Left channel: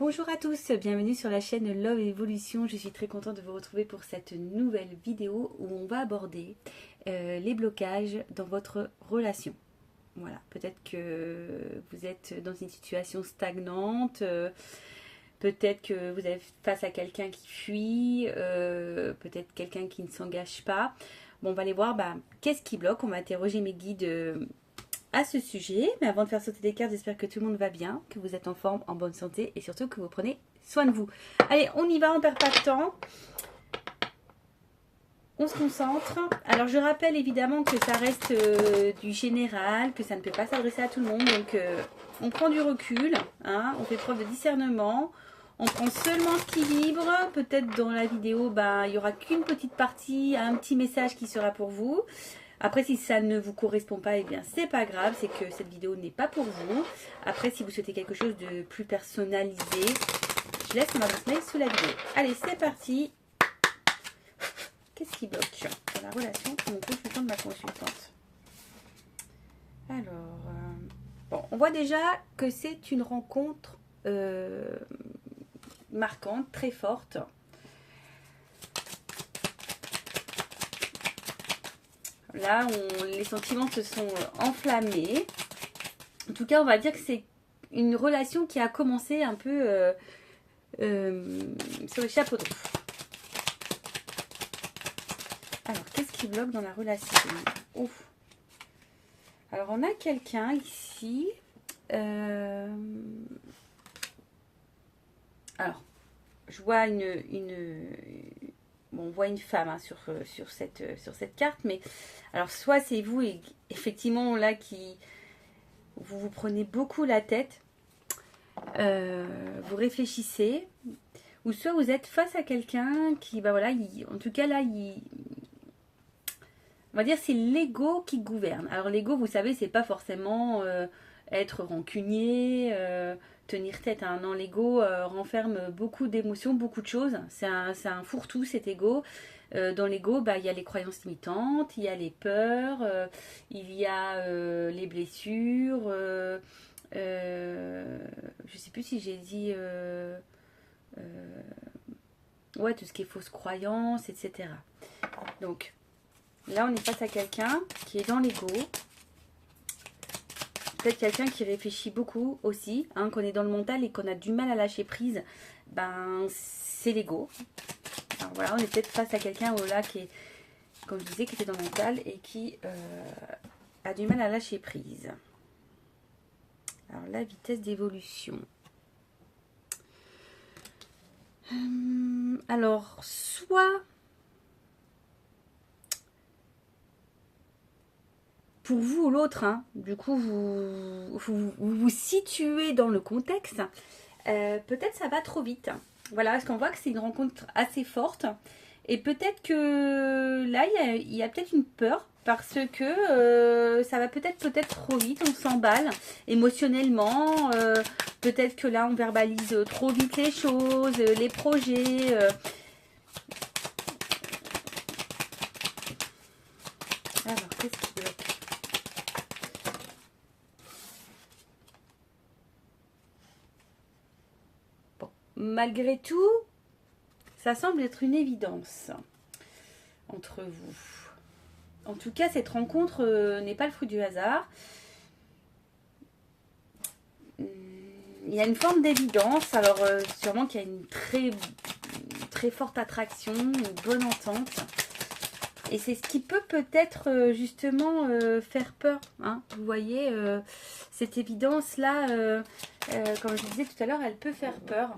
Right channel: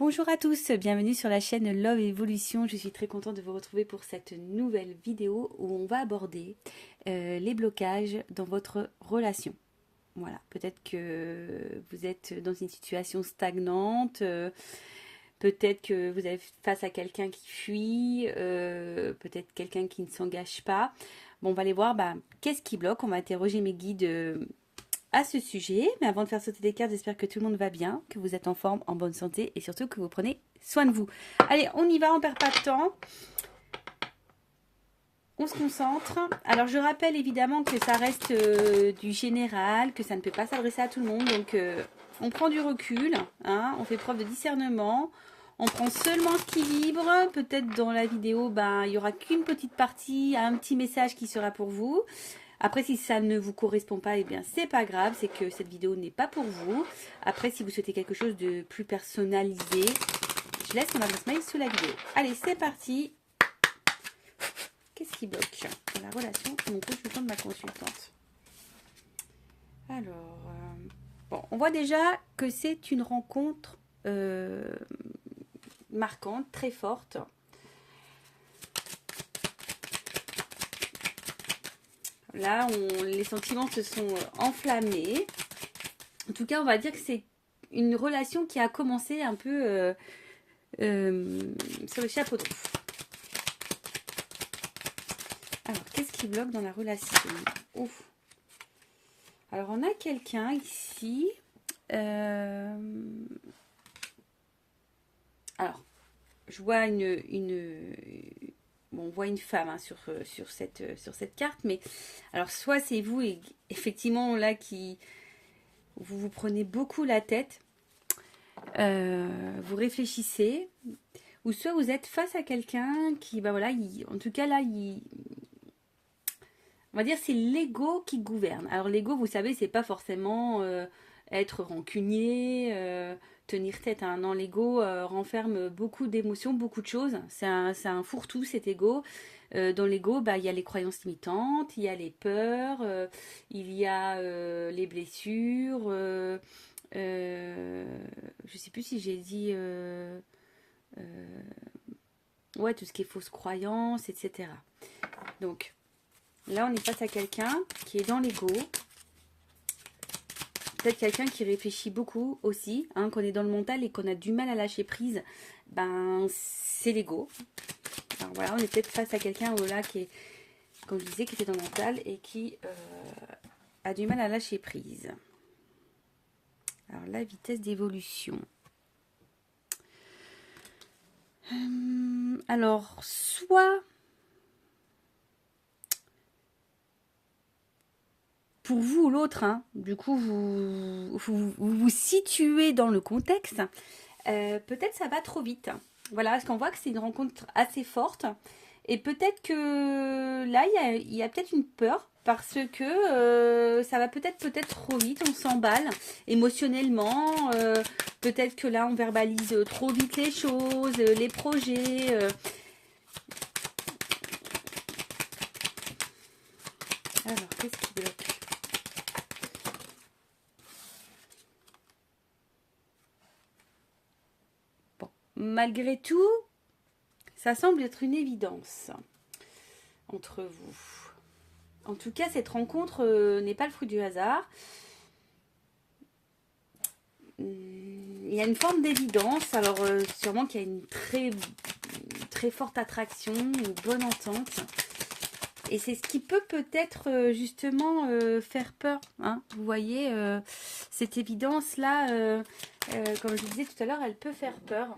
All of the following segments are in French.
Bonjour à tous, bienvenue sur la chaîne Love Evolution. Je suis très contente de vous retrouver pour cette nouvelle vidéo où on va aborder les blocages dans votre relation. Voilà, peut-être que vous êtes dans une situation stagnante, peut-être que vous êtes face à quelqu'un qui fuit, peut-être quelqu'un qui ne s'engage pas. Bon, on va aller voir qu'est-ce qui bloque. On va interroger mes guides à ce sujet. Mais avant de faire sauter des cartes, j'espère que tout le monde va bien, que vous êtes en forme, en bonne santé et surtout que vous prenez soin de vous. Allez, on y va, on perd pas de temps. On se concentre. Alors, je rappelle évidemment que ça reste du général, que ça ne peut pas s'adresser à tout le monde. Donc, on prend du recul, hein, on fait preuve de discernement. On prend seulement ce qui vibre. Peut-être dans la vidéo, il n'y aura qu'une petite partie, un petit message qui sera pour vous. Après, si ça ne vous correspond pas, eh bien, c'est pas grave. C'est que cette vidéo n'est pas pour vous. Après, si vous souhaitez quelque chose de plus personnalisé, je laisse mon adresse mail sous la vidéo. Allez, c'est parti. Qu'est-ce qui bloque dans la relation de mon consultant, de ma consultante? Alors, bon, on voit déjà que c'est une rencontre marquante, très forte. Là, les sentiments se sont enflammés. En tout cas, on va dire que c'est une relation qui a commencé un peu sur le chapeau de roue. Alors, qu'est-ce qui bloque dans la relation? Ouf. Alors, on a quelqu'un ici. Alors, je vois bon, on voit une femme hein, sur cette carte, mais alors soit c'est vous et effectivement là qui vous prenez beaucoup la tête, vous réfléchissez, ou soit vous êtes face à quelqu'un qui, voilà, en tout cas là, on va dire c'est l'ego qui gouverne. Alors l'ego, vous savez, c'est pas forcément être rancunier, tenir tête. Hein. Non, l'ego renferme beaucoup d'émotions, beaucoup de choses. C'est un fourre-tout cet ego. Dans l'ego, il y a les croyances limitantes, il y a les peurs, il y a les blessures. Je sais plus si j'ai dit ouais, tout ce qui est fausses croyances, etc. Donc là, on est face à quelqu'un qui est dans l'ego. Peut-être quelqu'un qui réfléchit beaucoup aussi, hein, qu'on est dans le mental et qu'on a du mal à lâcher prise. C'est l'ego. Voilà, on est peut-être face à quelqu'un là qui est, comme je disais, qui était dans le mental et qui a du mal à lâcher prise. Alors la vitesse d'évolution. Alors, soit pour vous ou l'autre, hein, du coup, vous situez dans le contexte, peut-être ça va trop vite. Voilà, parce qu'on voit que c'est une rencontre assez forte. Et peut-être que là, il y a peut-être une peur parce que ça va peut-être trop vite, on s'emballe émotionnellement. Peut-être que là, on verbalise trop vite les choses, les projets. Alors, qu'est-ce qui bloque? Bon, malgré tout, ça semble être une évidence entre vous. En tout cas, cette rencontre n'est pas le fruit du hasard. Il y a une forme d'évidence. Alors, sûrement qu'il y a une très forte attraction, une bonne entente. Et c'est ce qui peut peut-être justement faire peur. Hein. Vous voyez, cette évidence-là, comme je disais tout à l'heure, elle peut faire peur.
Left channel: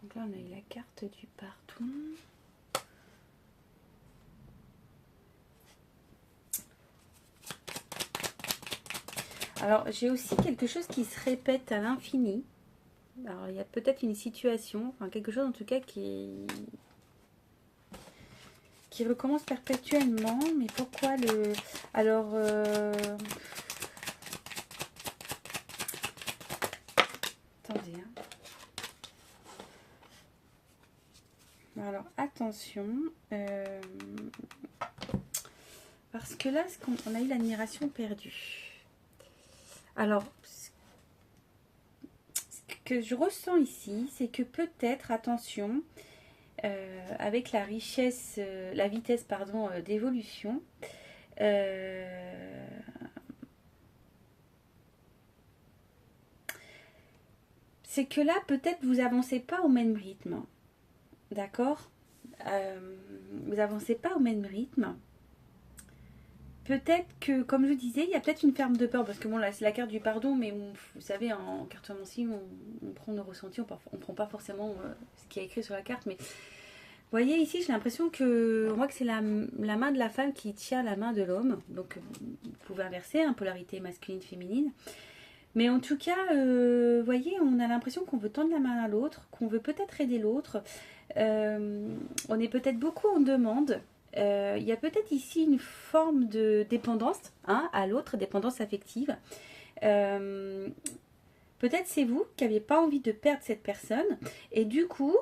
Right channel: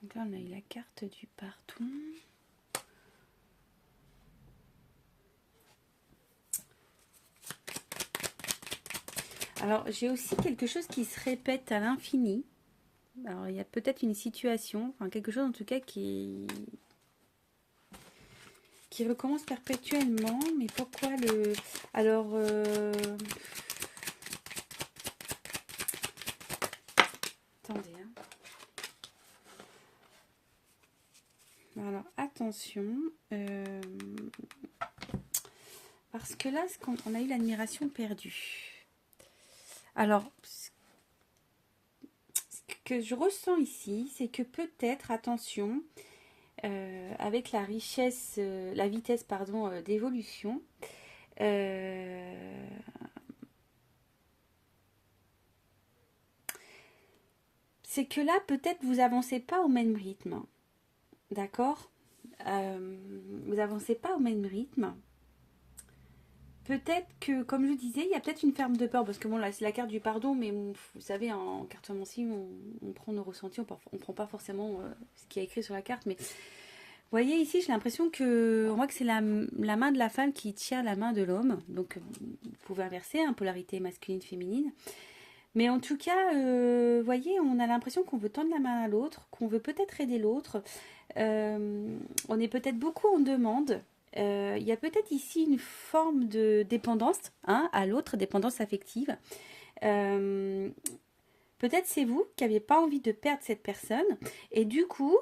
Donc là, on a eu la carte du partout. Alors, j'ai aussi quelque chose qui se répète à l'infini. Alors, il y a peut-être une situation, enfin quelque chose en tout cas qui recommence perpétuellement. Mais pourquoi le... Alors... Attendez. Hein. Alors, attention. Parce que là, on a eu l'admiration perdue. Alors, ce que je ressens ici, c'est que peut-être, attention, avec la richesse, la vitesse, pardon, d'évolution, c'est que là, peut-être, vous avancez pas au même rythme. D'accord? Vous avancez pas au même rythme. Peut-être que, comme je disais, il y a peut-être une ferme de peur, parce que bon, là, c'est la carte du pardon, mais vous savez, en cartomancie, on prend nos ressentis, on prend pas forcément ce qui est écrit sur la carte, mais vous voyez ici, j'ai l'impression que, on voit que c'est la main de la femme qui tient la main de l'homme, donc vous pouvez inverser, hein, polarité masculine-féminine, mais en tout cas, vous voyez, on a l'impression qu'on veut tendre la main à l'autre, qu'on veut peut-être aider l'autre, on est peut-être beaucoup en demande. Il y a peut-être ici une forme de dépendance, hein, à l'autre, dépendance affective. Peut-être c'est vous qui n'aviez pas envie de perdre cette personne. Et du coup,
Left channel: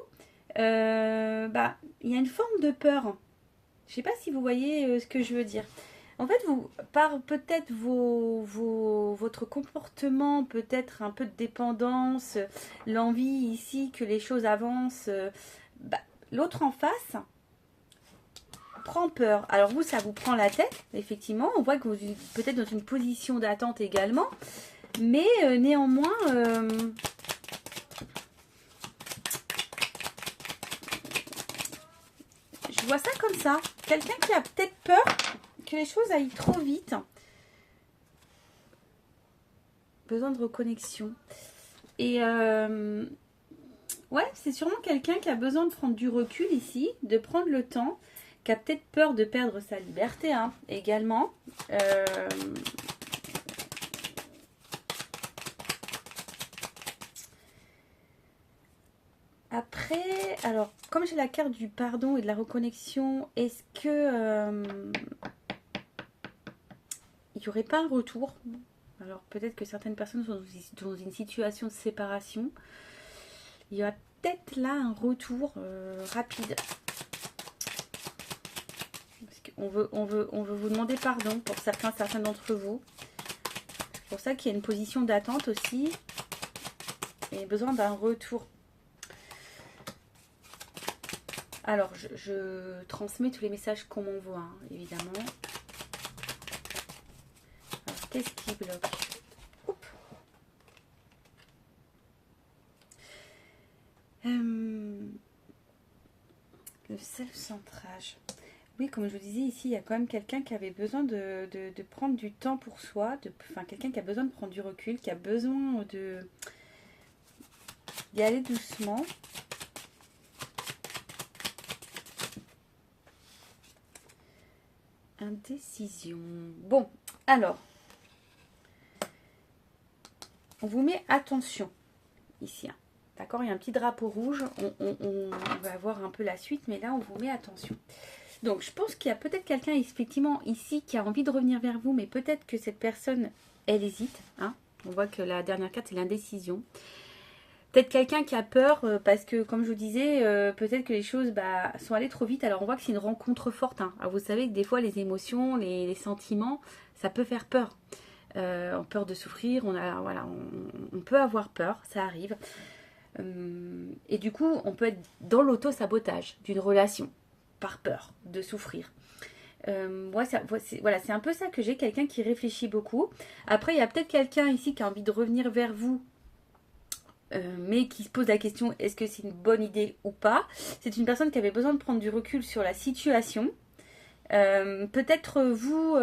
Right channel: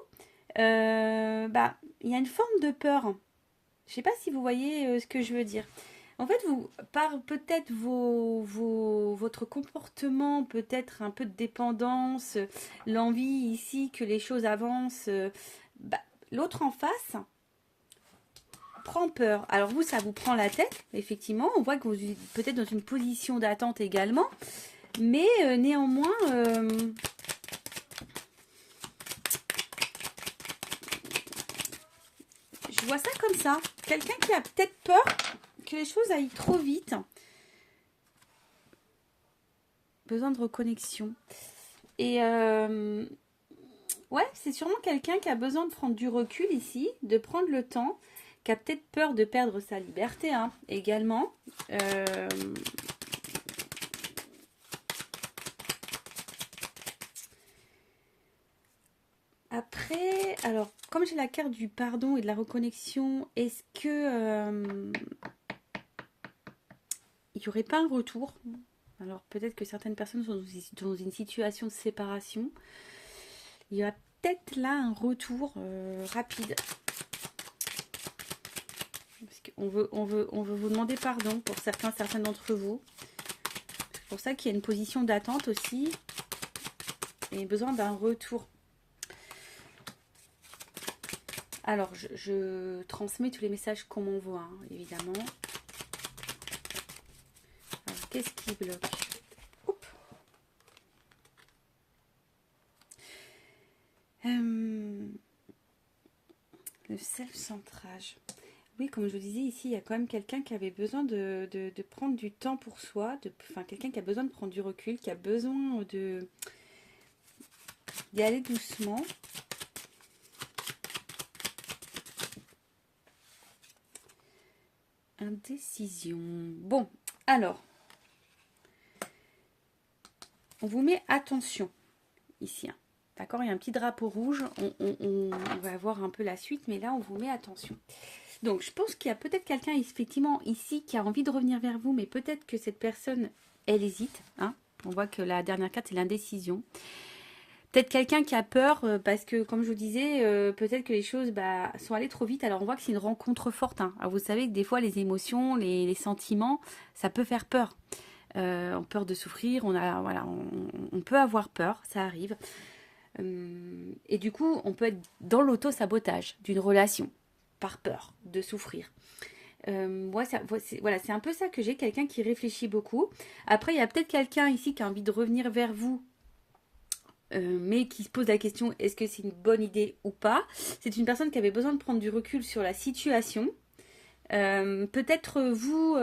il y a une forme de peur. Je ne sais pas si vous voyez ce que je veux dire. En fait, vous, par peut-être votre comportement, peut-être un peu de dépendance, l'envie ici que les choses avancent, l'autre en face prend peur. Alors vous, ça vous prend la tête, effectivement. On voit que vous êtes peut-être dans une position d'attente également. Mais néanmoins, je vois ça comme ça. Quelqu'un qui a peut-être peur que les choses aillent trop vite. Besoin de reconnexion. Et ouais, c'est sûrement quelqu'un qui a besoin de prendre du recul ici, de prendre le temps, qui a peut-être peur de perdre sa liberté, hein, également. Après, alors, comme j'ai la carte du pardon et de la reconnexion, est-ce que il n'y aurait pas un retour? Alors, peut-être que certaines personnes sont dans une situation de séparation. Il y a peut-être là un retour rapide. On veut vous demander pardon pour certains d'entre vous. C'est pour ça qu'il y a une position d'attente aussi. Et besoin d'un retour. Alors, je transmets tous les messages qu'on m'envoie, hein, évidemment. Alors, qu'est-ce qui bloque? Oups. Le self-centrage. Oui, comme je vous disais, ici, il y a quand même quelqu'un qui avait besoin de prendre du temps pour soi, quelqu'un qui a besoin de prendre du recul, qui a besoin d'y aller doucement. Indécision. Bon, alors, on vous met attention ici. Hein. D'accord, il y a un petit drapeau rouge. On va voir un peu la suite, mais là, on vous met attention. Donc, je pense qu'il y a peut-être quelqu'un, effectivement, ici, qui a envie de revenir vers vous, mais peut-être que cette personne, elle hésite. Hein. On voit que la dernière carte, c'est l'indécision. Peut-être quelqu'un qui a peur, parce que, comme je vous disais, peut-être que les choses sont allées trop vite. Alors, on voit que c'est une rencontre forte. Hein. Alors, vous savez que des fois, les émotions, les sentiments, ça peut faire peur. Peur de souffrir, on peut avoir peur, ça arrive. Et du coup, on peut être dans l'auto-sabotage d'une relation, par peur de souffrir. C'est un peu ça que j'ai, quelqu'un qui réfléchit beaucoup. Après, il y a peut-être quelqu'un ici qui a envie de revenir vers vous, mais qui se pose la question, est-ce que c'est une bonne idée ou pas? C'est une personne qui avait besoin de prendre du recul sur la situation. Peut-être vous,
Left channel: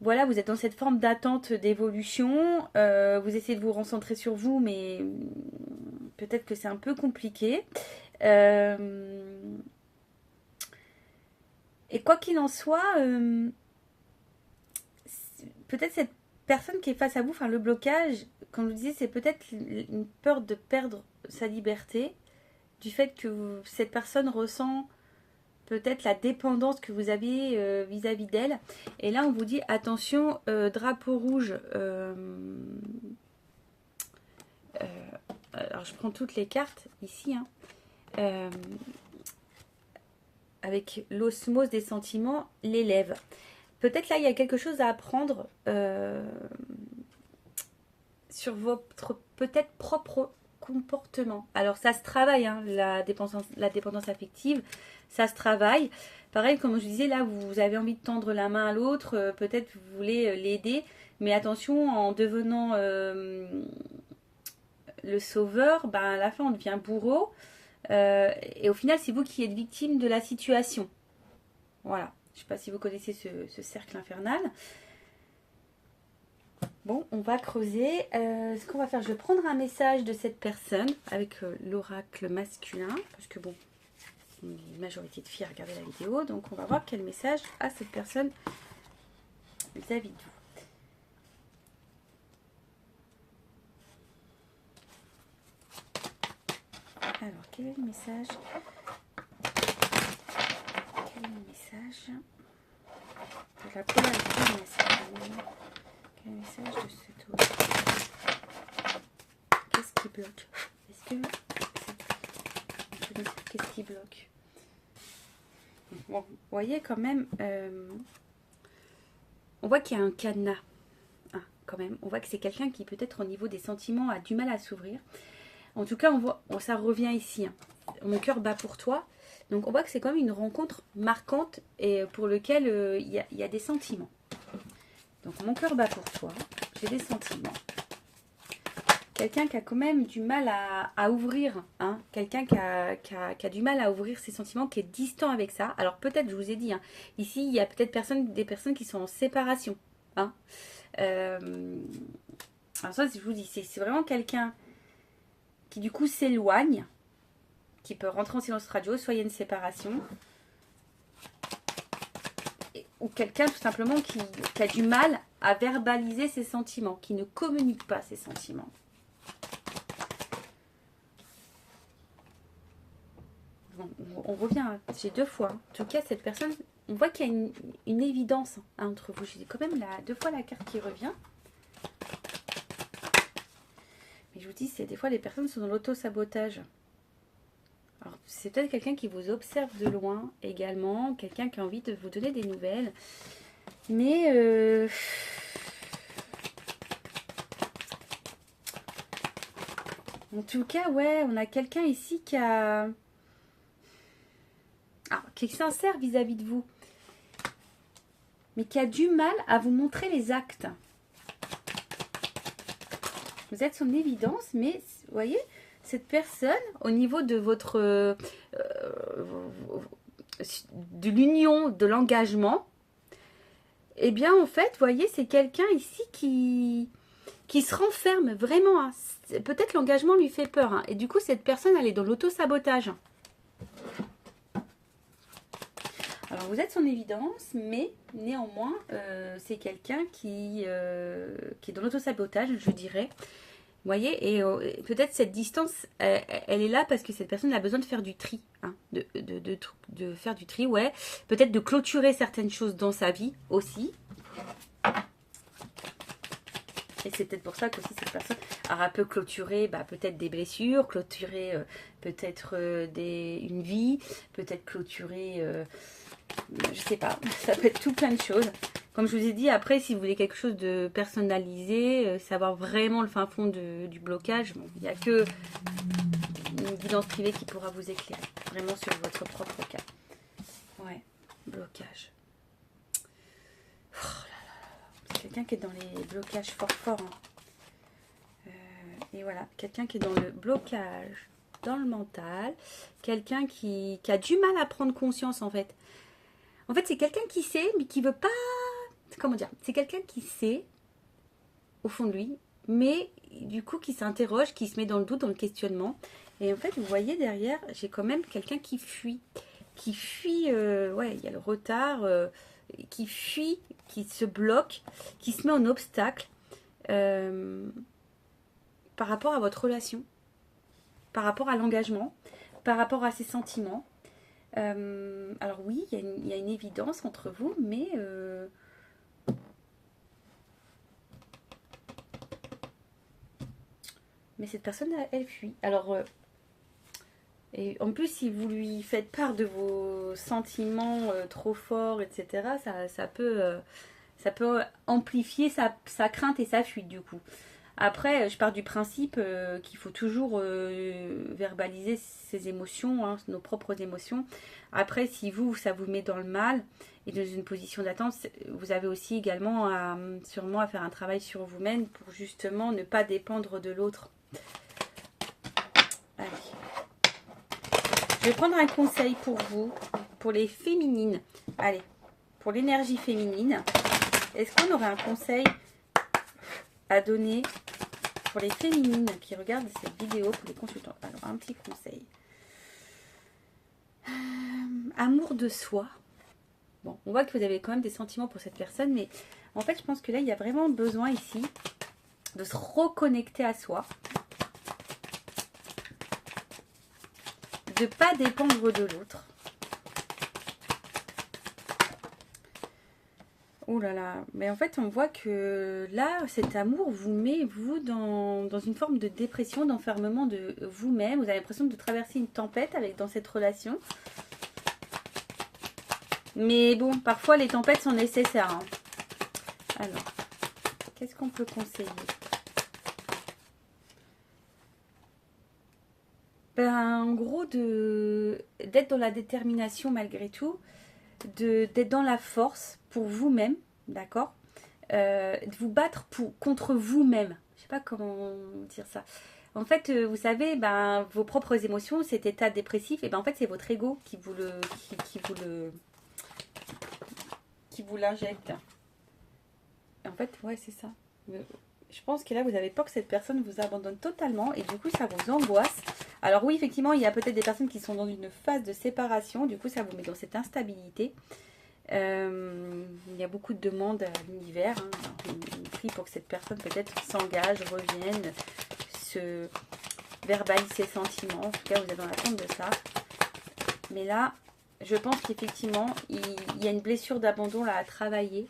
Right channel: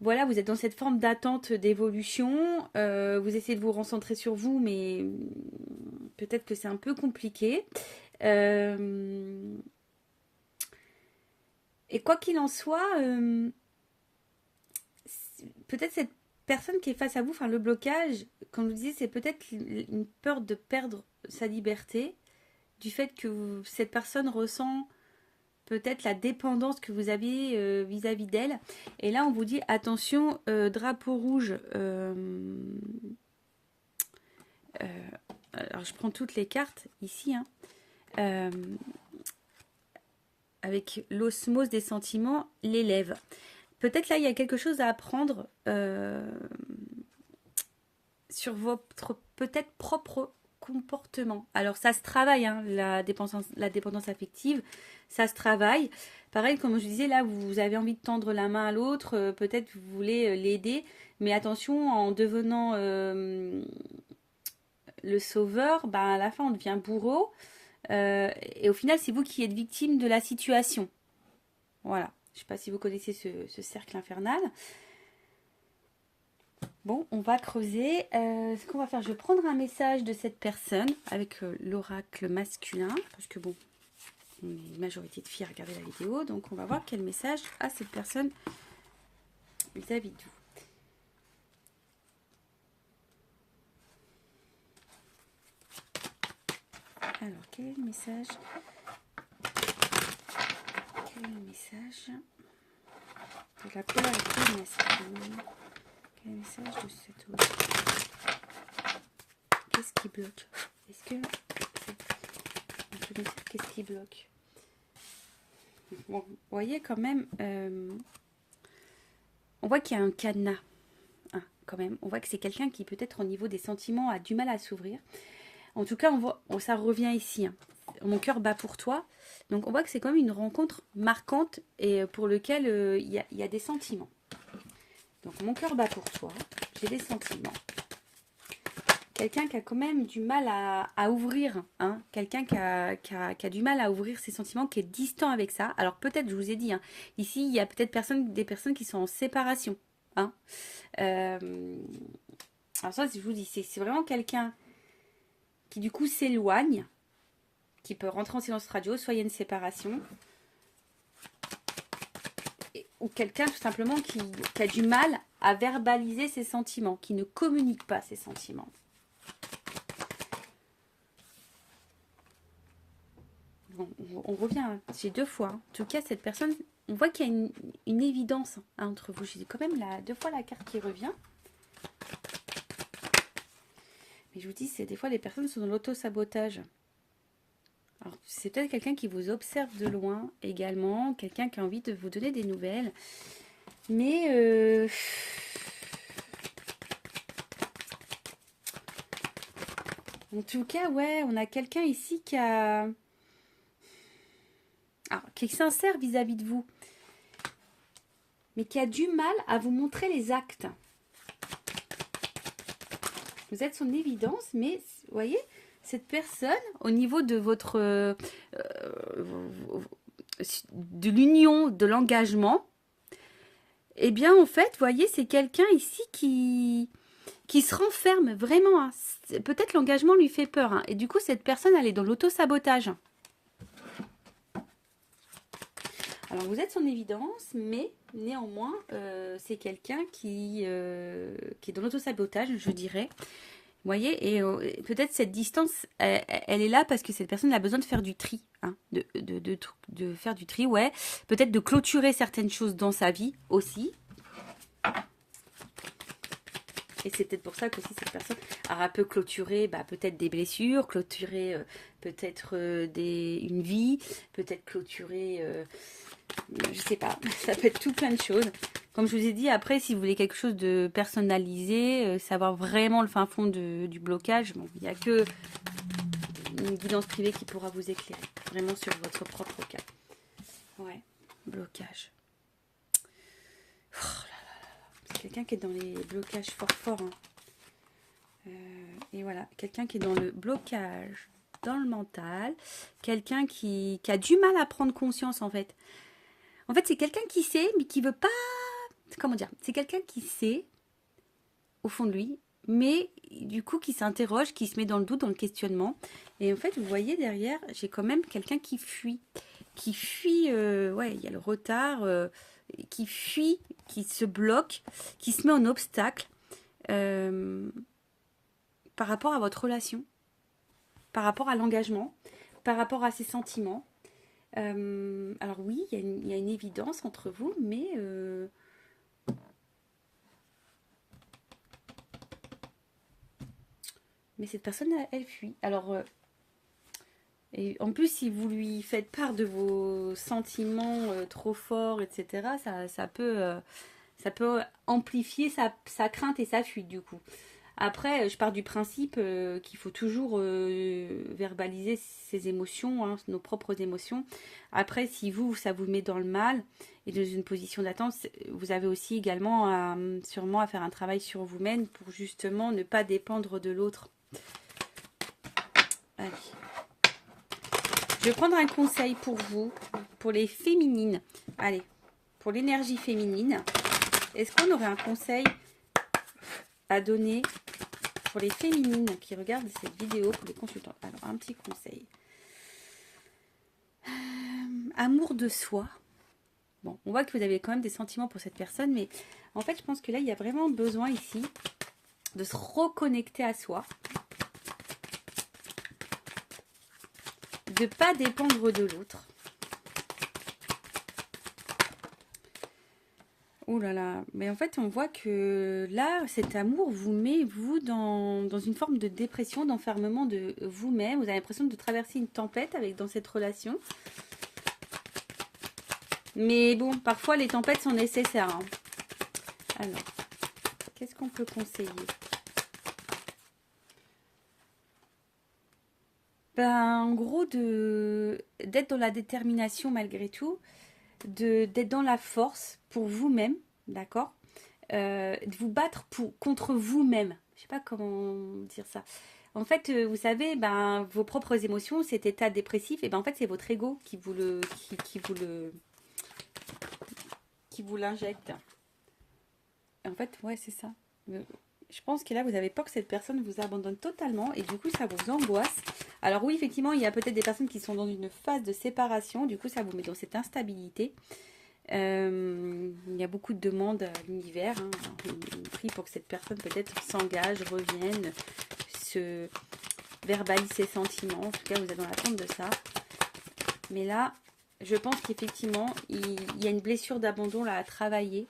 voilà, vous êtes dans cette forme d'attente d'évolution. Vous essayez de vous recentrer sur vous, mais peut-être que c'est un peu compliqué. Et quoi qu'il en soit, peut-être cette personne qui est face à vous, enfin le blocage, comme je vous disais, c'est peut-être une peur de perdre sa liberté, du fait que cette personne ressent peut-être la dépendance que vous aviez vis-à-vis d'elle. Et là, on vous dit, attention, drapeau rouge. Alors, je prends toutes les cartes ici. Hein. Avec l'osmose des sentiments, l'élève. Peut-être là, il y a quelque chose à apprendre. sur votre peut-être propre comportement. Alors ça se travaille, hein, la dépendance affective, ça se travaille. Pareil, comme je disais, là, vous avez envie de tendre la main à l'autre, peut-être vous voulez l'aider, mais attention, en devenant le sauveur, ben, à la fin, on devient bourreau, et au final, c'est vous qui êtes victime de la situation. Voilà, je ne sais pas si vous connaissez ce cercle infernal. Bon, on va creuser. Ce qu'on va faire, je vais prendre un message de cette personne avec l'oracle masculin, parce que bon, une majorité de filles a regardé la vidéo, donc on va voir quel message a cette personne vis-à-vis de vous. Alors, quel est le message? Quel est le message de la polarité masculine? Quel est le message de cet autre? Qu'est-ce qui bloque? Est-ce que... Qu'est-ce qui bloque? Bon, vous voyez quand même... on voit qu'il y a un cadenas. Hein, quand même. On voit que c'est quelqu'un qui peut-être au niveau des sentiments a du mal à s'ouvrir. En tout cas, on voit, ça revient ici. Hein. Mon cœur bat pour toi. Donc, on voit que c'est quand même une rencontre marquante et pour lequel il y a des sentiments. Donc, mon cœur bat pour toi. J'ai des sentiments. Quelqu'un qui a quand même du mal à ouvrir. Hein. Quelqu'un qui a du mal à ouvrir ses sentiments, qui est distant avec ça. Alors, peut-être, je vous ai dit, hein, ici, il y a peut-être des personnes qui sont en séparation. Hein. Alors, ça, je vous dis, c'est vraiment quelqu'un qui du coup s'éloigne, qui peut rentrer en silence radio, soit il y a une séparation, ou quelqu'un tout simplement qui a du mal à verbaliser ses sentiments, qui ne communique pas ses sentiments. Bon, on revient, j'ai deux fois. En tout cas, cette personne, on voit qu'il y a une évidence entre vous. J'ai quand même deux fois la carte qui revient. Mais je vous dis, c'est des fois les personnes sont dans l'auto-sabotage. Alors, c'est peut-être quelqu'un qui vous observe de loin également, quelqu'un qui a envie de vous donner des nouvelles. Mais en tout cas, ouais, on a quelqu'un ici qui a... Alors, qui est sincère vis-à-vis de vous, mais qui a du mal à vous montrer les actes. Vous êtes son évidence, mais vous voyez, cette personne, au niveau de votre de l'union, de l'engagement, eh bien, en fait, vous voyez, c'est quelqu'un ici qui se renferme vraiment. Hein. Peut-être l'engagement lui fait peur. Hein. Et du coup, cette personne, elle est dans l'auto-sabotage. Alors, vous êtes son évidence, mais néanmoins, c'est quelqu'un qui est dans l'auto-sabotage, je dirais. Vous voyez, et peut-être cette distance, elle est là parce que cette personne a besoin de faire du tri. Hein, de faire du tri, ouais. Peut-être de clôturer certaines choses dans sa vie aussi. Et c'est peut-être pour ça qu'aussi cette personne a peut clôturer peut-être des blessures, clôturer peut-être une vie, peut-être clôturer... je sais pas, ça peut être tout plein de choses. Comme je vous ai dit, après, si vous voulez quelque chose de personnalisé, savoir vraiment le fin fond du blocage, bon, il n'y a que une guidance privée qui pourra vous éclairer, vraiment sur votre propre cas. Ouais, blocage. Oh là là, c'est quelqu'un qui est dans les blocages fort. Hein. Et voilà, quelqu'un qui est dans le blocage, dans le mental, quelqu'un qui a du mal à prendre conscience en fait. En fait, c'est quelqu'un qui sait, mais qui veut pas... Comment dire? C'est quelqu'un qui sait, au fond de lui, mais du coup qui s'interroge, qui se met dans le doute, dans le questionnement. Et en fait, vous voyez derrière, j'ai quand même quelqu'un qui fuit. Qui fuit, ouais, il y a le retard, qui fuit, qui se bloque, qui se met en obstacle par rapport à votre relation, par rapport à l'engagement, par rapport à ses sentiments. Alors oui, il y a une évidence entre vous, mais cette personne, elle fuit. Alors, et en plus, si vous lui faites part de vos sentiments trop forts, etc., ça peut amplifier sa crainte et sa fuite, du coup. Après, je pars du principe qu'il faut toujours verbaliser ses émotions, hein, nos propres émotions. Après, si vous, ça vous met dans le mal et dans une position d'attente, vous avez aussi également sûrement à faire un travail sur vous-même pour justement ne pas dépendre de l'autre. Allez. Je vais prendre un conseil pour vous, pour les féminines. Allez, pour l'énergie féminine. Est-ce qu'on aurait un conseil à donner pour les féminines qui regardent cette vidéo, pour les consultants? Alors, un petit conseil. Amour de soi. Bon, on voit que vous avez quand même des sentiments pour cette personne, mais en fait, je pense que là, il y a vraiment besoin ici de se reconnecter à soi. De ne pas dépendre de l'autre. Oh là là, mais en fait on voit que là, cet amour vous met, vous, dans une forme de dépression, d'enfermement de vous-même. Vous avez l'impression de traverser une tempête dans cette relation. Mais bon, parfois les tempêtes sont nécessaires. Hein. Alors, qu'est-ce qu'on peut conseiller? Ben, en gros, d'être dans la détermination malgré tout, d'être dans la force pour vous-même, d'accord, de vous battre contre vous-même. Je sais pas comment dire ça. En fait, vous savez, ben, vos propres émotions, cet état dépressif, et ben en fait, c'est votre ego qui vous l'injecte. En fait, ouais, c'est ça. Je pense que là, vous avez peur que cette personne vous abandonne totalement et du coup, ça vous angoisse. Alors oui, effectivement, il y a peut-être des personnes qui sont dans une phase de séparation. Du coup, ça vous met dans cette instabilité. Il y a beaucoup de demandes à l'univers. Hein. On prie pour que cette personne peut-être s'engage, revienne, se verbalise ses sentiments. En tout cas, vous êtes dans l'attente de ça. Mais là, je pense qu'effectivement, il y a une blessure d'abandon là à travailler.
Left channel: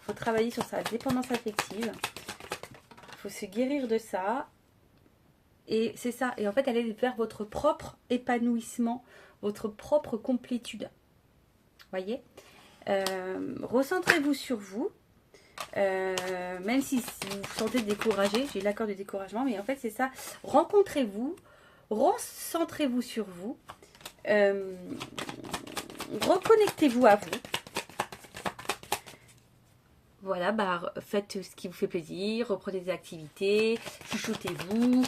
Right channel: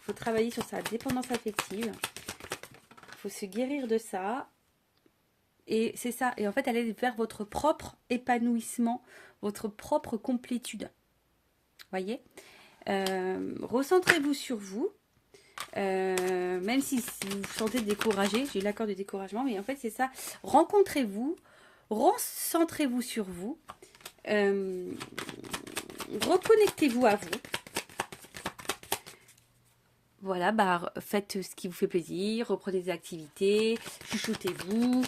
Faut travailler sur sa dépendance affective. Il faut se guérir de ça. Et c'est ça. Et en fait, aller vers votre propre épanouissement, votre propre complétude. Voyez, recentrez-vous sur vous. Même si vous vous sentez découragé, j'ai eu l'accord de découragement, mais en fait, c'est ça. Rencontrez-vous, recentrez-vous sur vous. Reconnectez-vous à vous. Voilà, bah, faites ce qui vous fait plaisir, reprenez des activités, chuchotez-vous,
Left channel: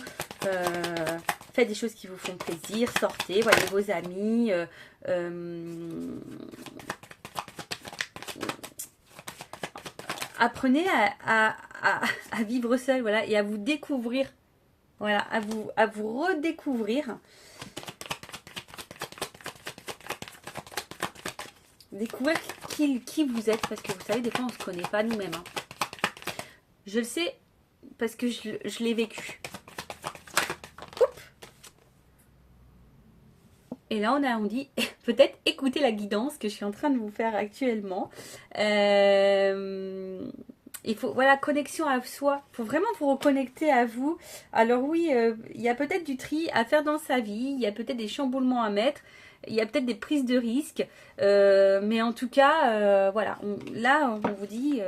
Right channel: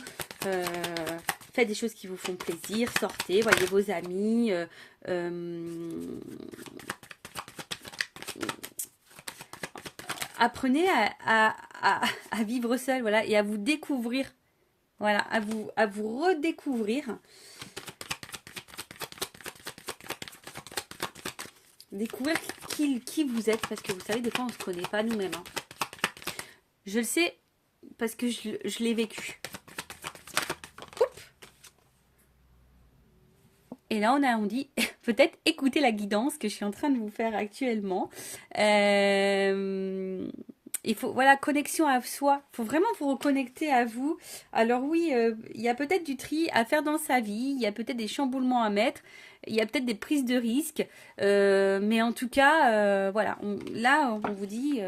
faites des choses qui vous font plaisir, sortez, voyez vos amis, apprenez à vivre seul, voilà, et à vous découvrir, voilà, à vous redécouvrir. Découvrir qui vous êtes, parce que vous savez, des fois on ne se connaît pas nous-mêmes. Hein. Je le sais parce que je l'ai vécu. Et là on dit peut-être écoutez la guidance que je suis en train de vous faire actuellement. Il faut, voilà, connexion à soi. Il faut vraiment vous reconnecter à vous. Alors oui, il y a peut-être du tri à faire dans sa vie. Il y a peut-être des chamboulements à mettre. Il y a peut-être des prises de risques. Mais en tout cas, voilà. Là, on vous dit...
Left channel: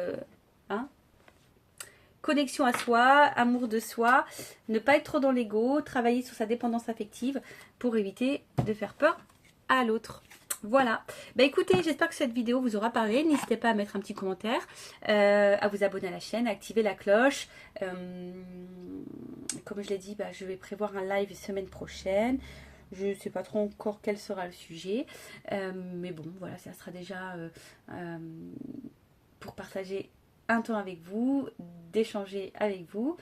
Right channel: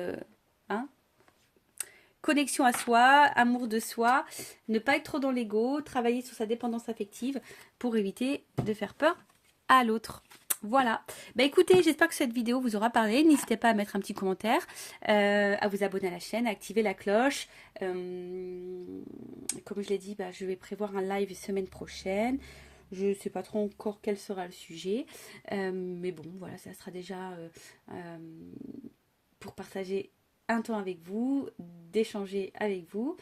hein, connexion à soi, amour de soi, ne pas être trop dans l'ego, travailler sur sa dépendance affective pour éviter de faire peur à l'autre. Voilà. Bah écoutez, j'espère que cette vidéo vous aura parlé. N'hésitez pas à mettre un petit commentaire, à vous abonner à la chaîne, à activer la cloche. Comme je l'ai dit, bah, je vais prévoir un live semaine prochaine. Je ne sais pas trop encore quel sera le sujet. Mais bon, voilà, ça sera déjà pour partager un temps avec vous, d'échanger avec vous.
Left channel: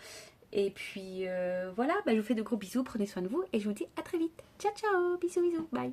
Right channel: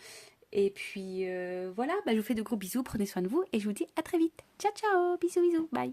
Et puis voilà, bah, je vous fais de gros bisous, prenez soin de vous et je vous dis à très vite. Ciao, ciao, bisous, bisous, bye.